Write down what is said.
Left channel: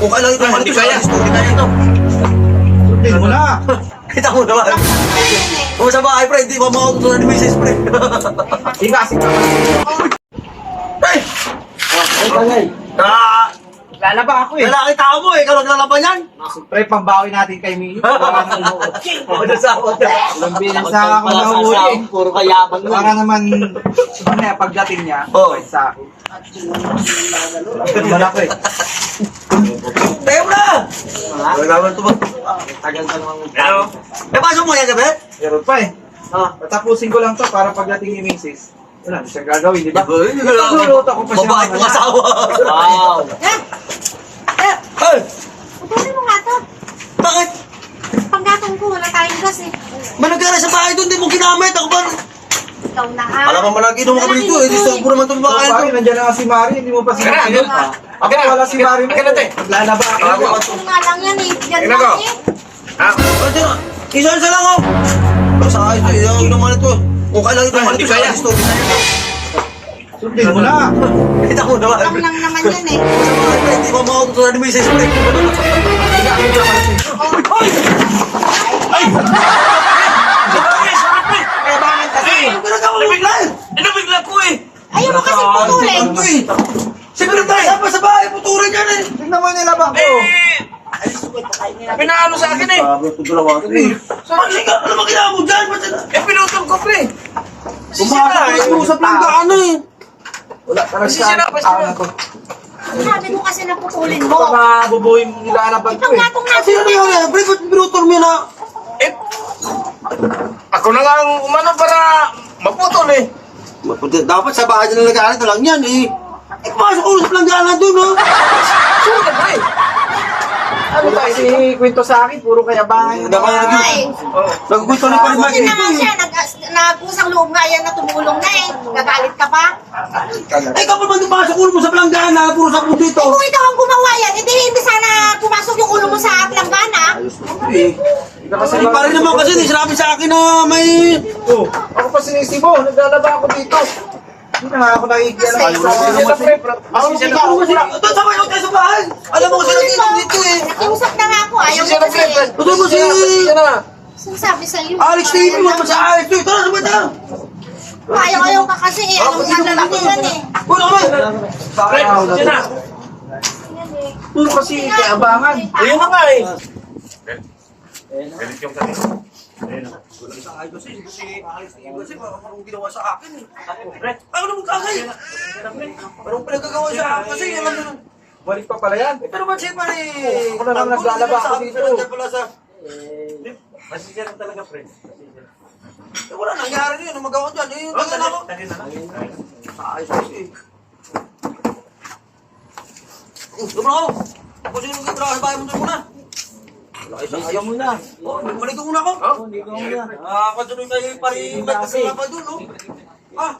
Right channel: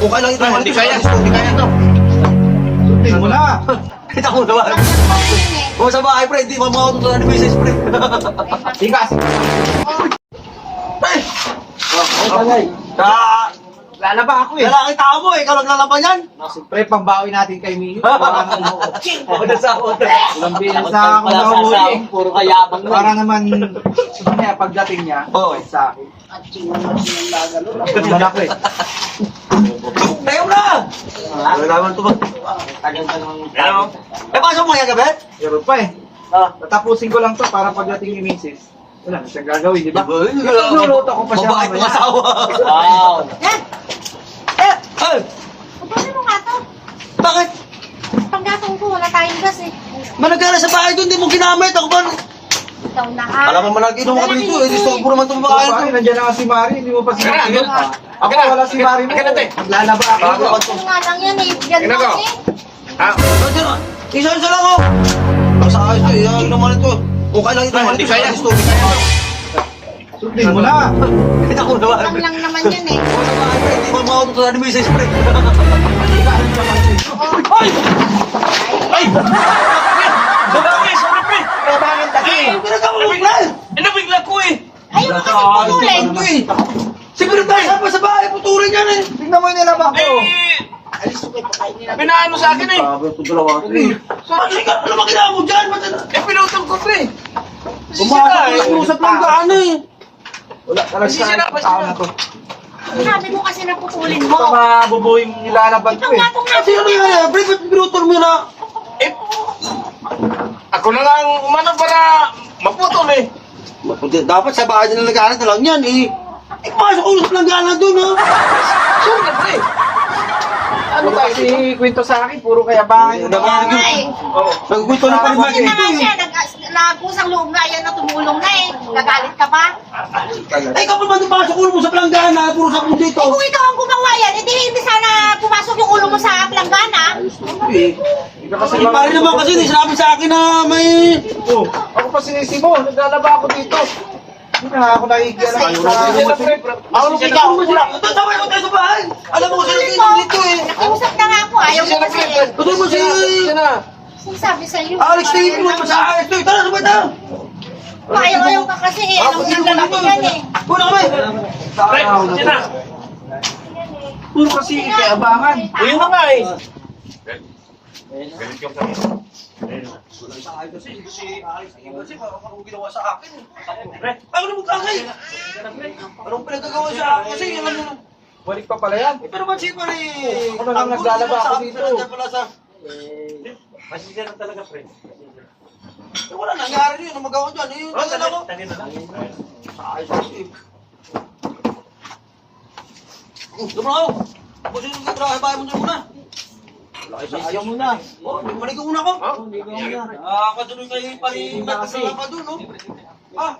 Okay lang ito. Hindi kaya. Hindi kaya ito. Sundin mo na. Kita mo naman. O sa bahay, pre, hindi pa makatutunan ni Mrs. Pre. Higas. Ay! Ay, tagay. Lalaba ako eh. Lalaki tao mo, ikaw naglalaban yan. Siyempre, pambawi natin kay Mio. Para naman O, nasawa ka. ilang beses ako nahuli. Puro kayabang Para naman, mamaya pagdating niya, Oo. sa akin. Naman ako eh. Tayo na! Wala naman ito ba? Tagal ka namang Hello? Eh, pasok mo yan, gabi? Meron pa eh. Tatapusin ko lang to para pagdating ni Mrs. Wala, siyang gagawin, di ba? Nagluluto ko pa siya Mabait mamaya. mong asawa. Wow! Ay! Pagkain mo nga to. Bakit? Pagkatong ko, wala tayong gas eh. Managkala sa bahay doon, di mo ginamit. Ako ba? Ikaw na ka. Alam mo man inom ako dito, eh. Disturbo naman itong bahay Bakit? ito. Nandiyan na si Mari, hindi mo pa sinabi. Ako wala si Mari mo. Naglalaba ako. Kung nga lang yan eh. Yan Ina ko. lang eh. Nandiyan na. Isa-isa lang ako. Sa ayos ito, yung naman ito. Okay lang ito. Hindi kaya. Sundin mo na. Kita ko naman. Lang lang naman yan eh. O sa bahay, pre, hindi pa makatutunan ni Mrs. Pre. Ay! Ay! Kaya bakit kasi? Ano ginagawa mo, pre? Inabigla ko eh! Ayaw mo kasi putulin. Ito eh. Siguro tayo saan pa sa bahay, puturin yan eh. Tingnan mo yung nilaba ko. Pinaano sa akin eh! Ano ba ginawa mo dyan? Pinutol ko pre! Usap lang ka ano eh. Wala talaga Hindi sila, basta- tao na to. Sabi mo kasi na putulin mo. Ito mabubuo yung nilalaban ko Ikaw eh. nga itong Kasi ano yan eh, pre, ba't binutol mo yan ah? Eh, ako na lang umano para maputol eh! Dapat sa bahay na nag-aaral na lang yan eh. Eh, pumasok ko usap lang gana doon ha. Sure na pre! Ano tayo kwento sa akin? Puro kayabangan. Dapat Ay, naggusto na pa naman Buti na ito nga eh. siya. Nag-usang loob nga yan na tumulong na eh. Gagalit ka pa. Eh, kapag man pumasok ulo mo sa planggana, puro sa puno dito. Eh kung ikaw ang gumawa yan, hindi sana pumasok yung ulo mo sa planggana. Kasi pa rin naman kasi sinabi sa akin na may... Oh, ako pa sinisibo. Naglalaba ako dito. Hindi na ako nakikialam. Ako ikaw, ito sabay mo tayo sa bahay. Alam mo kasi Putulin mo. dito eh. Nakiusap na nga ako. Ayaw mo kasi. Ito mo si... Sinasabi sa iyo. Alex TV mo pa sa ayos. Ito, tara sabay tayo. Ayaw ka kasi eh. Anong lalaki yan eh. Wala kami. Puro kasi kayabangan. Ayun na nga eh! Sa ayos kasi Alex TV kasi parang ginawa sa akin eh. Ay, ano mo kasi? Parang pinagagawa sa akin kasi alam mo na. Balik pa pala yan. Pero man siya pa rin. Ako na lang naglalaba ako dito. Masisira talaga pre. Eh, wala nangyari yun. Ang magawa dyan. Eh, tagal ako. Ayos kasi eh. Sobrang ako. Tapos yung trabaho sa bahay mo dyan muna. Ayaw mo na. Oh, balik ka muna ako. Hindi ko muna. Katuloy kayo pa rin. Ba't ka pa dun, no? Ah,